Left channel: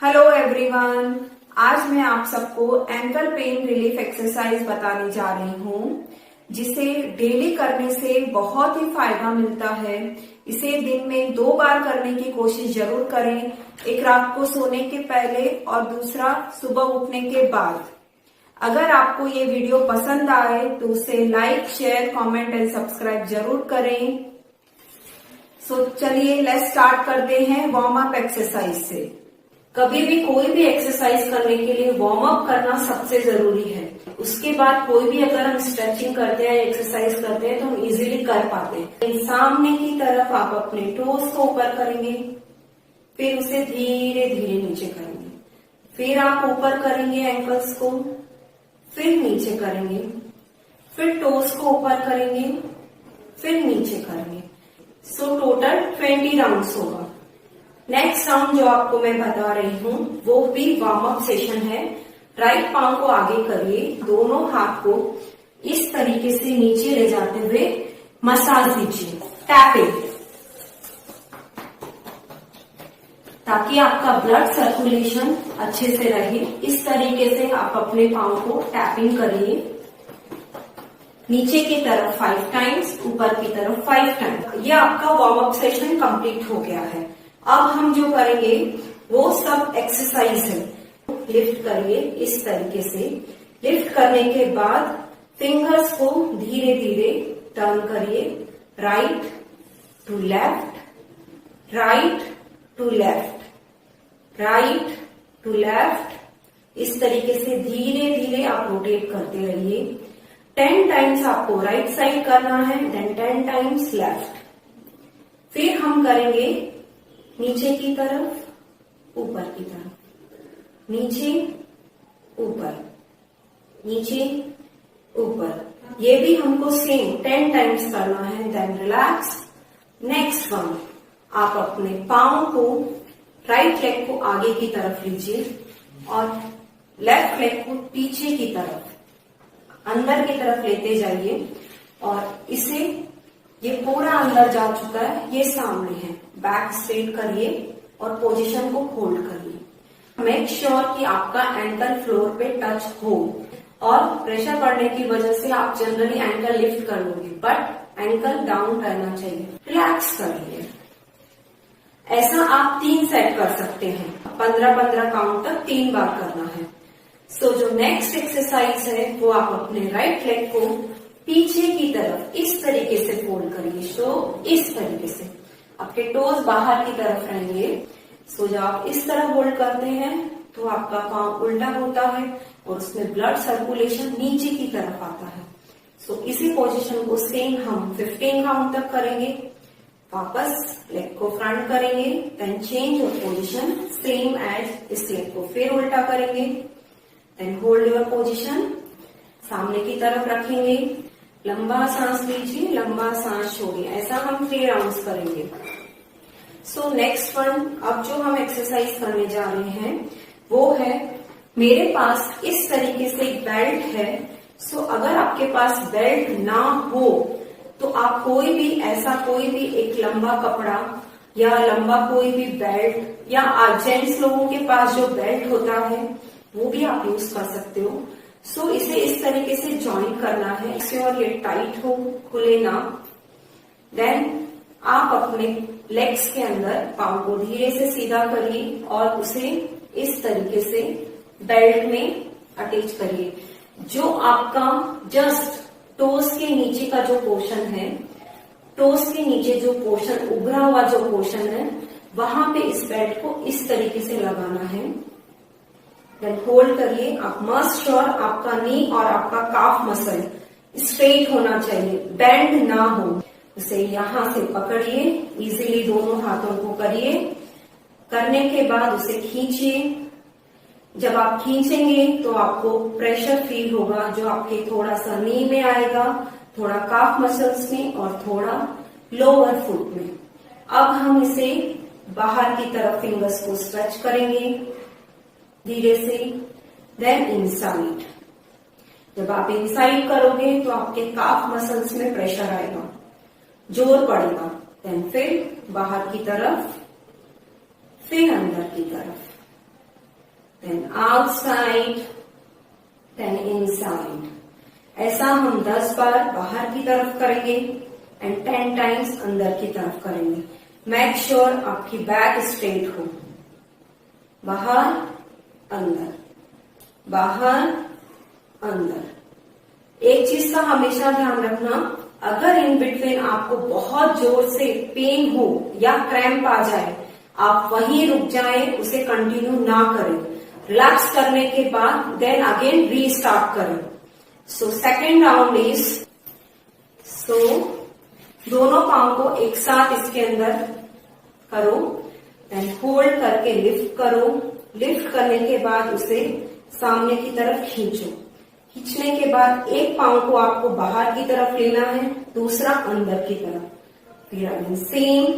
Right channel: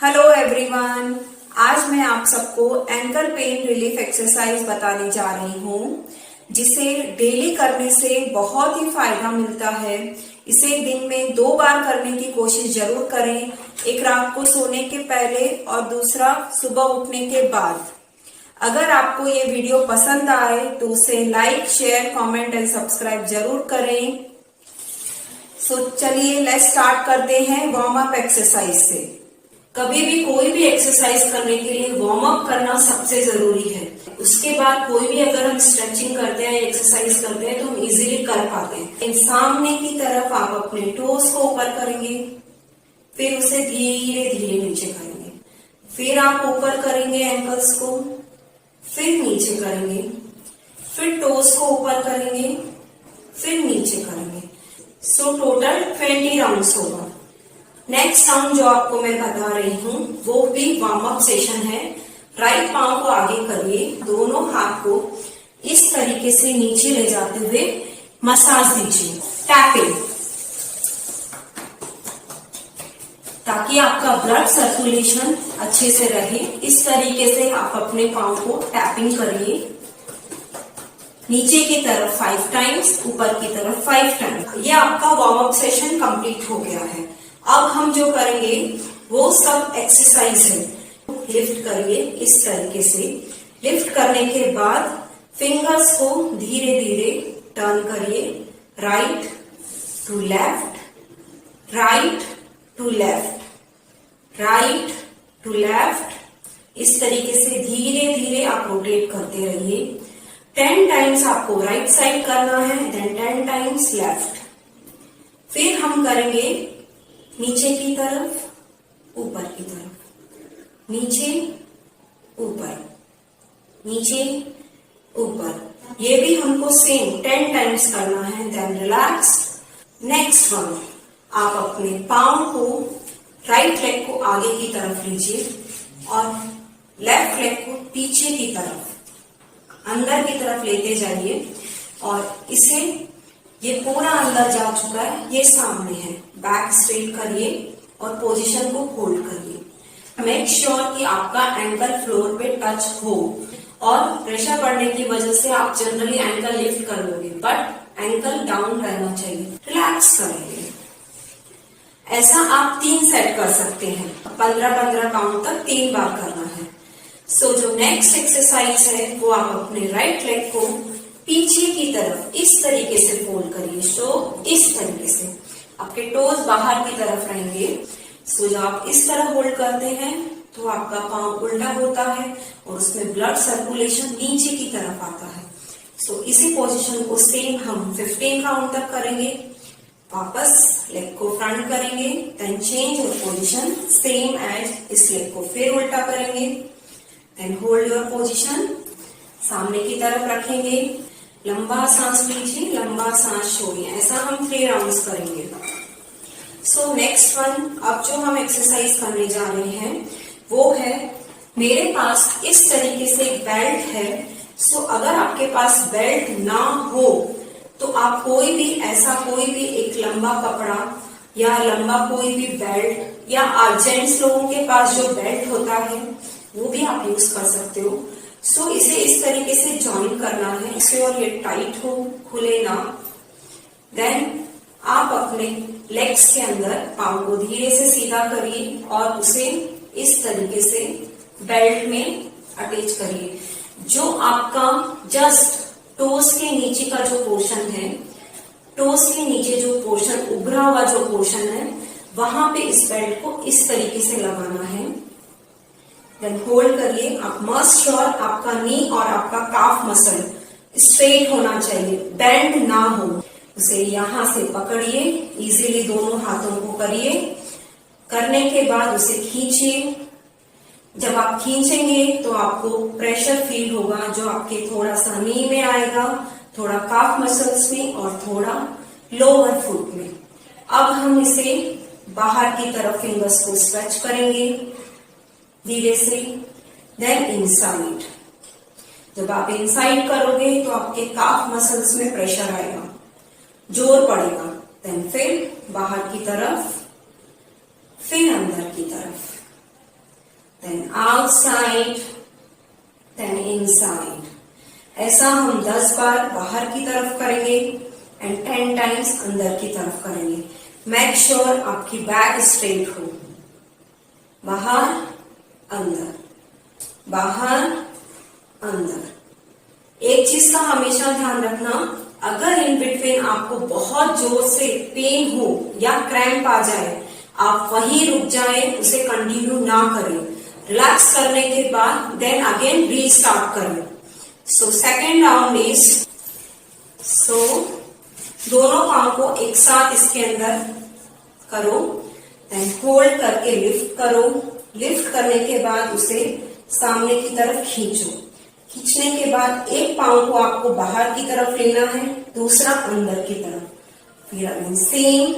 Hello everyone. आज मैं आप सबको एंकल पेन रिलीफ एक्सरसाइज बताने जा रही हूँ, जिसे डेली करने से बहुत ही फायदा मिलता है। इसे दिन में 2 बार करने की कोशिश जरूर करें, एक रात को सोने के पहले और दूसरा सुबह उठने के बाद। अगर आपको ये वीडियो पसंद आए तो उसे like, share, comment and subscribe जरूर करें। सो चलिए लेट्स स्टार्ट करते हैं वार्म अप एक्सरसाइज से। कभी भी कोई भी एक्सरसाइज करने के लिए वार्म अप करना सबसे जरूरी है। उसके बाद कोई भी अगर हम स्ट्रेचिंग करते हैं, एक्सरसाइज करते हैं तो हम इजीली कर पाते हैं। सामने की तरफ आप अपने टोस को ऊपर करेंगे, फिर उसे धीरे धीरे नीचे करेंगे, फिर आप ऊपर करेंगे एंकल्स को, फिर नीचे करेंगे, फिर टोस को ऊपर करेंगे, फिर नीचे करेंगे। सो टोटल 20 राउंड्स होगा। नेक्स्ट राउंड जो आपको मैं बता रही हूँ वो भी वार्म अप सेशन है। राइट पांव को आगे करिए, दोनों हाथ को इस तरीके से नीचे ले जाते हुए मसाज दीजिए, टैपिंग, ताकि आपका ब्लड सर्कुलेशन अच्छे से रहे। इस तरीके से आप अपने पांव को टैपिंग करिए, नीचे की तरफ 5 टाइम्स, ऊपर की तरफ 5 टाइम्स। ये आपका वार्म अप सेशन कंप्लीट हो गया है। अब हम जो करेंगे वो सब एक्सरसाइज है। लिफ्ट करिए इस तरीके से। लिफ्ट करने के बाद फिंगर्स को धीरे धीरे टर्न करिए, right to left, right to left, right to left. इस तरीके से धीरे धीरे आप रोटेट करते रहिए। 10 टाइम्स आपको राइट साइड करना है, देन 10 टाइम्स लेफ्ट। फिर हम करेंगे नीचे की तरफ, ऊपर की तरफ, नीचे ऊपर, नीचे ऊपर। ये भी हमको सेम 10 टाइम्स करना है, देन रिलैक्स। नेक्स्ट वन, आप अपने पांव को, राइट लेग को आगे की तरफ लीजिए और लेफ्ट लेग को पीछे की तरफ, अंदर की तरफ लेते जाइए और इसे, ये पूरा अंदर जा चुका है, ये सामने है। बैक स्ट्रेट करिए और पोजीशन को होल्ड करिए। मेक श्योर कि आपका एंकल फ्लोर पे टच हो, और प्रेशर पड़ने की वजह से आप जनरली एंकल लिफ्ट कर लोगे, बट एंकल डाउन रहना चाहिए। रिलैक्स करेंगे। ऐसा आप 3 सेट कर सकते हैं, 15-15 काउंट तक 3 बार करना है। सो जो नेक्स्ट एक्सरसाइज है वो आप अपने राइट लेग को पीछे की तरफ इस तरीके से फोल्ड करिए। सो इस तरीके से आपके टोज बाहर की तरफ रहेंगे। सो जब आप इस तरह होल्ड करते हैं तो आपका पांव उल्टा होता है और उसमें ब्लड सर्कुलेशन नीचे की तरफ आता है। सो इसी पोजीशन को सेम हम 15 काउंट तक करेंगे। वापस लेग को फ्रंट करेंगे, then change your position same as इस लेग को फिर उल्टा करेंगे, देन होल्ड योर पोजीशन, सामने की तरफ रखेंगे, लंबा सांस लीजिए, लंबा सांस छोड़िए। ऐसा हम 3 राउंड्स करेंगे। सो नेक्स्ट वन, अब जो हम एक्सरसाइज करने जा रहे हैं वो है, मेरे पास इस तरीके से एक बेल्ट है। सो अगर आपके पास बेल्ट ना हो तो आप कोई भी ऐसा कोई भी एक लंबा कपड़ा या लंबा कोई भी बेल्ट, या जेंट्स लोगों के पास जो बेल्ट होता है वो भी आप यूज कर सकते हो। सो इसे इस तरीके से ज्वाइन करना है और ये टाइट हो, खुले ना। देन आप अपने लेग्स के अंदर पांव को धीरे से सीधा करिए और उसे इस तरीके से बेल्ट में अटैच करिए। जो आपका जस्ट टोस के नीचे का जो पोर्शन है, टोस के नीचे जो पोर्शन, उभरा हुआ जो पोर्शन है, वहां पे इस बेल्ट को इस तरीके से लगाना है। देन होल्ड करिए। आप मस्ट श्योर आपका नी और आपका काफ मसल स्ट्रेट होना चाहिए, बेंड ना हो। उसे यहां से पकड़िए, इजीली दोनों हाथों को करिए। करने के बाद उसे खींचिए। जब आप खींचेंगे तो आपको प्रेशर फील होगा, जो आपके थोड़ा सा नी में आएगा, थोड़ा काफ मसल्स में और थोड़ा लोअर फुट में। अब हम इसे बाहर की तरफ फिंगर्स को स्ट्रेच करेंगे धीरे से, देन इनसाइड। जब आप इनसाइड करोगे तो आपके काफ मसल्स में प्रेशर आएगा, जोर पड़ेगा। देन फिर बाहर की तरफ, फिर अंदर की तरफ, देन आउटसाइड, देन इनसाइड। ऐसा हम 10 बार बाहर की तरफ करेंगे एंड 10 टाइम्स अंदर की तरफ करेंगे। मेक श्योर आपकी बैक स्ट्रेट हो। बाहर, अंदर, बाहर, अंदर। एक चीज का हमेशा ध्यान रखना, अगर इन बिटवीन आपको बहुत जोर से पेन हो या क्रैम्प आ जाए, आप वहीं रुक जाएं, उसे कंटिन्यू ना करें। रिलैक्स करने के बाद देन अगेन रीस्टार्ट करें। सो सेकेंड राउंड इज, सो दोनों पांव को एक साथ इसके अंदर करो, देन होल्ड करके लिफ्ट करो। लिफ्ट करने के बाद उसे सामने की तरफ खींचो। खींचने के बाद एक पांव को आपको बाहर की तरफ लेना है, दूसरा अंदर की तरफ। फिर अगेन सेम,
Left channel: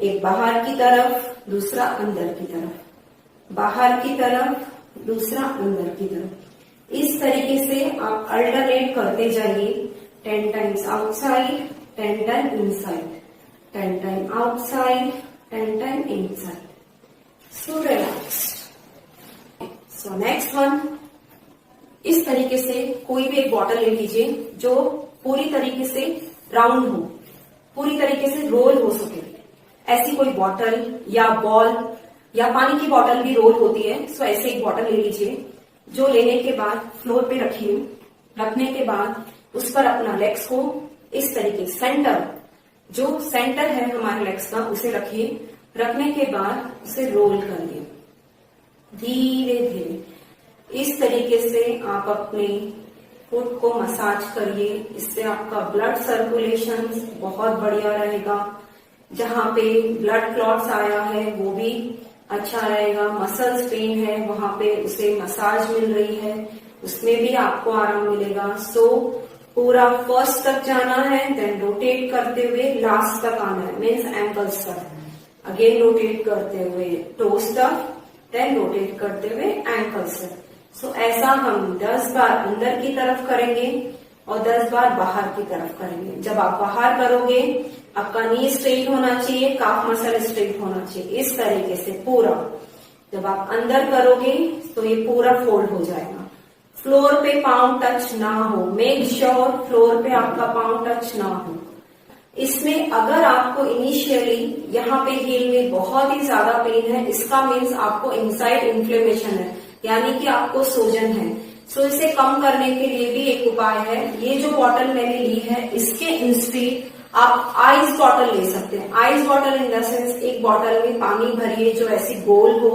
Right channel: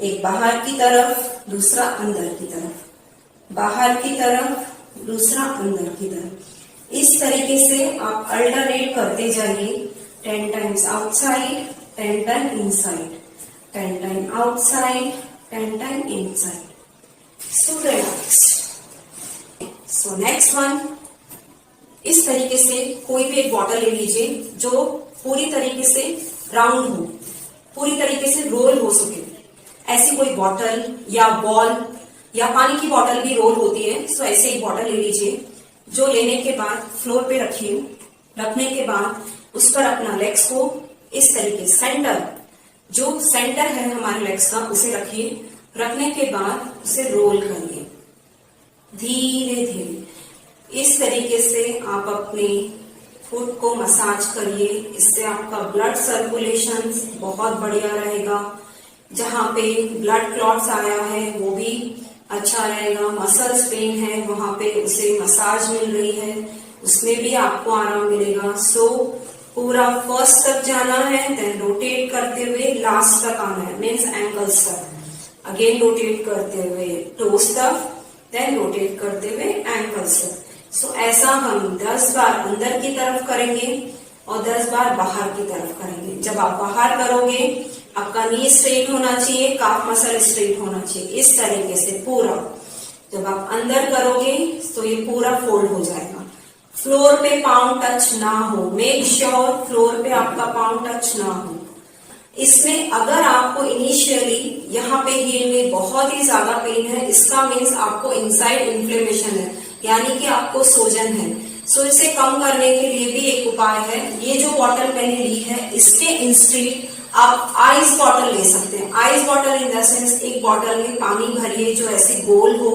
एक बाहर की तरफ, दूसरा अंदर की तरफ, बाहर की तरफ, दूसरा अंदर की तरफ। इस तरीके से आप अल्टरनेट करते जाइए। 10 times outside, 10 time inside, 10 time outside, 10 time inside. So relaxed. So next one, इस तरीके से कोई भी एक बॉटल ले लीजिए जो पूरी तरीके से राउंड हो, पूरी तरीके से रोल हो सके। ऐसी कोई बॉटल या बॉल या पानी की बॉटल भी रोल होती है। सो ऐसे एक बॉटल ले लीजिए, जो लेने के बाद फ्लोर पे रखिए। रखने के बाद उस पर अपना लेग्स को इस तरीके सेंटर, जो सेंटर है हमारे लेग्स का, उसे रखिए। रखने के बाद उसे रोल करिए धीरे धीरे। इस तरीके से आप अपने फुट को मसाज करिए। इससे आपका ब्लड सर्कुलेशन बहुत बढ़िया रहेगा। जहां पे ब्लड क्लॉट्स आया है वो भी अच्छा रहेगा। मसल्स पेन है वहां पे उसे मसाज मिल रही है, उसमें भी आपको आराम मिलेगा। सो पूरा फर्स्ट तक जाना है, देन रोटेट करते हुए लास्ट तक आना है, मीन्स एंकल्स तक। अगेन रोटेट करते हुए टोस तक, देन रोटेट करते हुए एंकल्स तक। सो ऐसा हम 10 बार अंदर की तरफ करेंगे और 10 बार बाहर की तरफ करेंगे। जब आप बाहर करोगे, आपका नी स्ट्रेट होना चाहिए, काफ मसल स्ट्रेट होना चाहिए, इस तरीके से पूरा। जब आप अंदर करोगे तो ये पूरा फोल्ड हो जाएगा। फ्लोर पे पाँव टच ना हो, मेक श्योर फ्लोर पे आपका पाँव टच ना हो। इसमें अगर आपको इनिशियली यहाँ पे हील में बहुत ही ज्यादा पेन है, इसका मीन्स आपको इनसाइड इन्फ्लेमेशन है, यानी कि आपको सूजन है। सो इसे कम करने के लिए भी एक उपाय है। ये जो बॉटल मैंने ली है, इसके इंस्टेड आप आइस बॉटल ले सकते हैं। Ice bottle in the sense, एक बॉटल में पानी भरिए जो ऐसी गोल हो,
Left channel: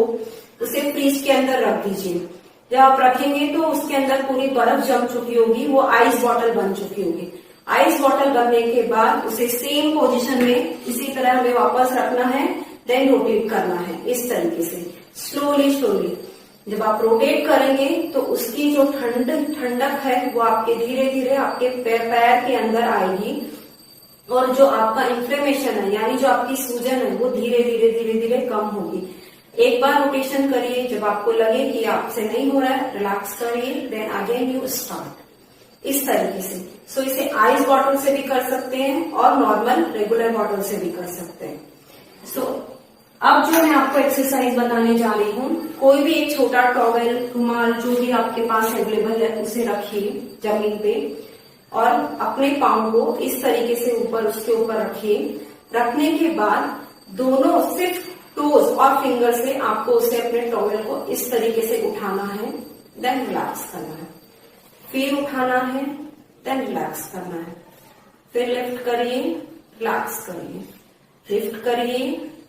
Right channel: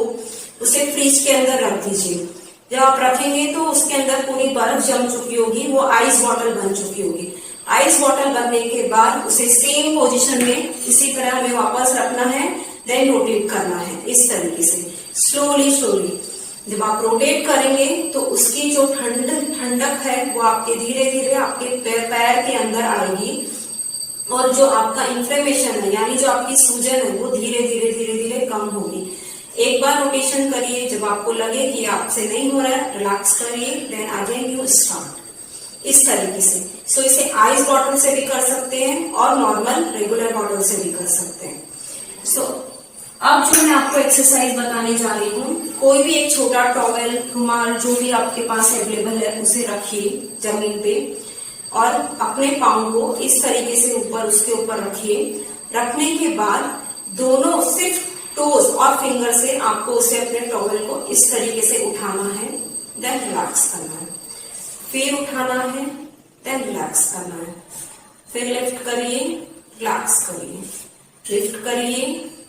उसे फ्रिज के अंदर रख दीजिए। जब आप रखेंगे तो उसके अंदर पूरी बर्फ जम चुकी होगी, वो आइस बॉटल बन चुकी होगी। आइस बॉटल बनने के बाद उसे सेम पोजीशन में इसी तरह हमें वापस रखना है, देन रोटेट करना है इस तरीके से स्लोली स्लोली। जब आप रोटेट करेंगे तो उसकी जो ठंडक है वो आपके धीरे धीरे आपके पैर के अंदर आएगी, और जो आपका इन्फ्लेमेशन है यानी जो आपकी सूजन है वो धीरे धीरे कम होगी। एक बार रोटेशन करिए, जब आपको लगे कि आपसे नहीं हो रहा है, रिलैक्स करिए, देन अगेन यू स्टार्ट इस तरीके से। सो इसे आइस बॉटल से भी कर सकते हैं और नॉर्मल रेगुलर बॉटल से भी कर सकते हैं। सो अब जो मैं आपको एक्सरसाइज बताने जा रही हूँ, कोई भी एक छोटा टॉवेल, रुमाल, जो भी आपके पास अवेलेबल है उसे रखिए जमीन पे और अपने पाँव को इस तरीके से ऊपर उसके ऊपर रखिए। रखने के बाद दोनों सिर्फ टोज और फिंगर से आपको उसे अपने टॉवेल को इस तरीके से उठाना है, देन रिलैक्स करना है। फिर उठाना है, देन रिलैक्स करना है। फिर लिफ्ट करिए, रिलैक्स करिए, लिफ्ट करिए,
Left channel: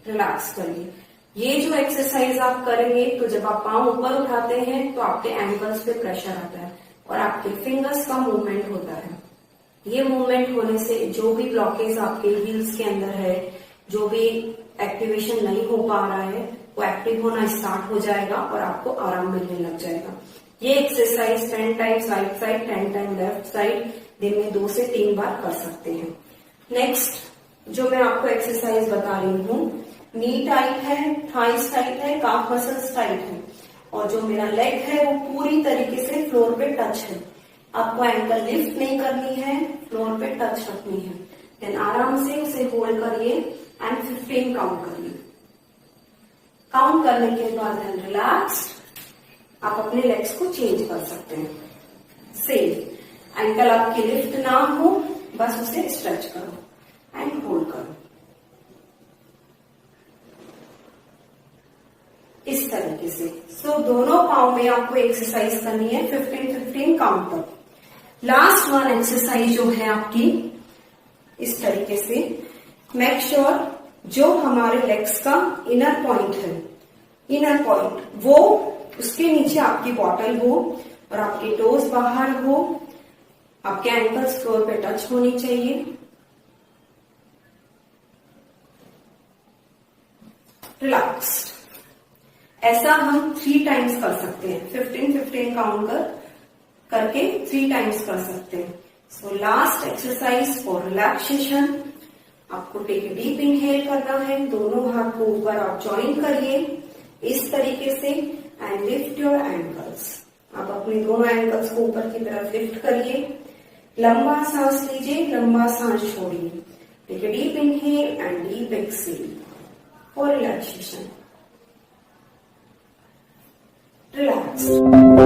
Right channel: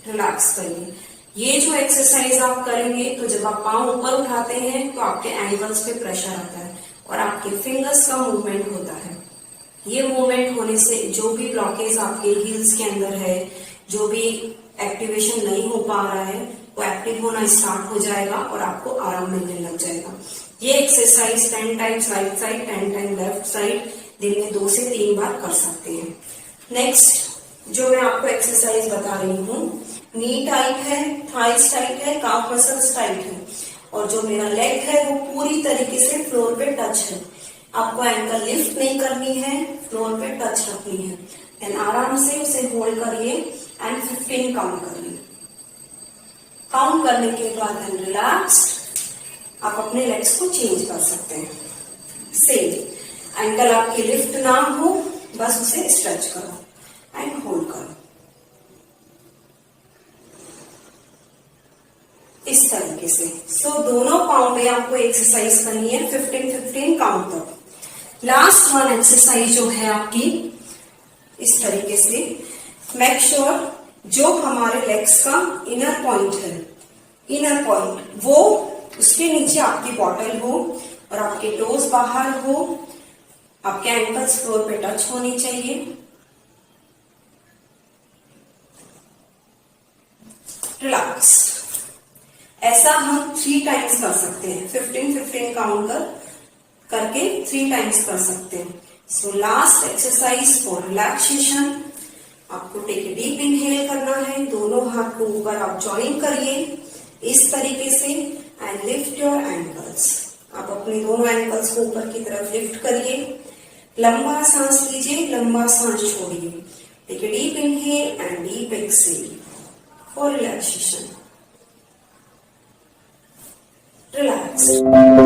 रिलैक्स करिए। ये जो एक्सरसाइज आप करेंगे तो जब आप पाँव ऊपर उठाते हैं तो आपके एंकल्स पे प्रेशर आता है और आपके फिंगर्स का मूवमेंट होता है। ये मूवमेंट होने से जो भी ब्लॉकेज आपके हील्स के अंदर है, जो भी एक्टिवेशन नहीं हो पा रहा है, वो एक्टिव होना स्टार्ट हो जाएगा और आपको आराम मिलने लग जाएगा। ये exercise 10 times right side, 10 time left side दिन में 2 से 3 बार कर सकते हैं। नेक्स्ट जो मैं आपको एक्सरसाइज बता रही हूँ, नी टाइट है, थाइस टाइट है, काफ मसल्स टाइट है और जो मेरा लेग है वो पूरी तरीके से फ्लोर पे टच है। आपको एंकल लिफ्ट नहीं करनी है, फ्लोर पे टच रखनी है। देन आराम से उसे होल्ड करिए एंड 15 काउंट करिए। काउंट करने के बाद देन रिलैक्स, आप अपने लेग्स को चेंज कर सकते हैं। सेम एंकल आपकी लिफ्ट ना हो, बस उसे स्ट्रेच करो एंड होल्ड करो इस तरीके से। सो दोनों पाँव में आपको एक्सरसाइज करनी है 15-15 काउंट तक। लास्ट वन एक्सरसाइज जो है आपकी इस तरीके से, मेक श्योर जो हमारे लेग्स का इनर पॉइंट है, इनर पॉइंट वो उसके नीचे आपकी बॉटल हो और आपके टोज बाहर हो, आपके एंकल्स फ्लोर पे टच होनी चाहिए। रिलैक्स्ड। ऐसा हम 3 टाइम्स कर सकते हैं, 15-15 काउंट करके 3 टाइम्स कर सकते हैं। So last exercise for relaxation, आपको टेक डीप इनहेल करना है, दोनों हाथ को ऊपर आप ज्वाइन करिए इस तरीके से एंड लिफ्ट योर एंकल्स। आप अपने दोनों एंकल्स को ऊपर की तरफ लिफ्ट करिए, लंबा सांस लीजिए, लंबा सांस छोड़िए। Take deep inhale and deep exhale for relaxation. Relaxed.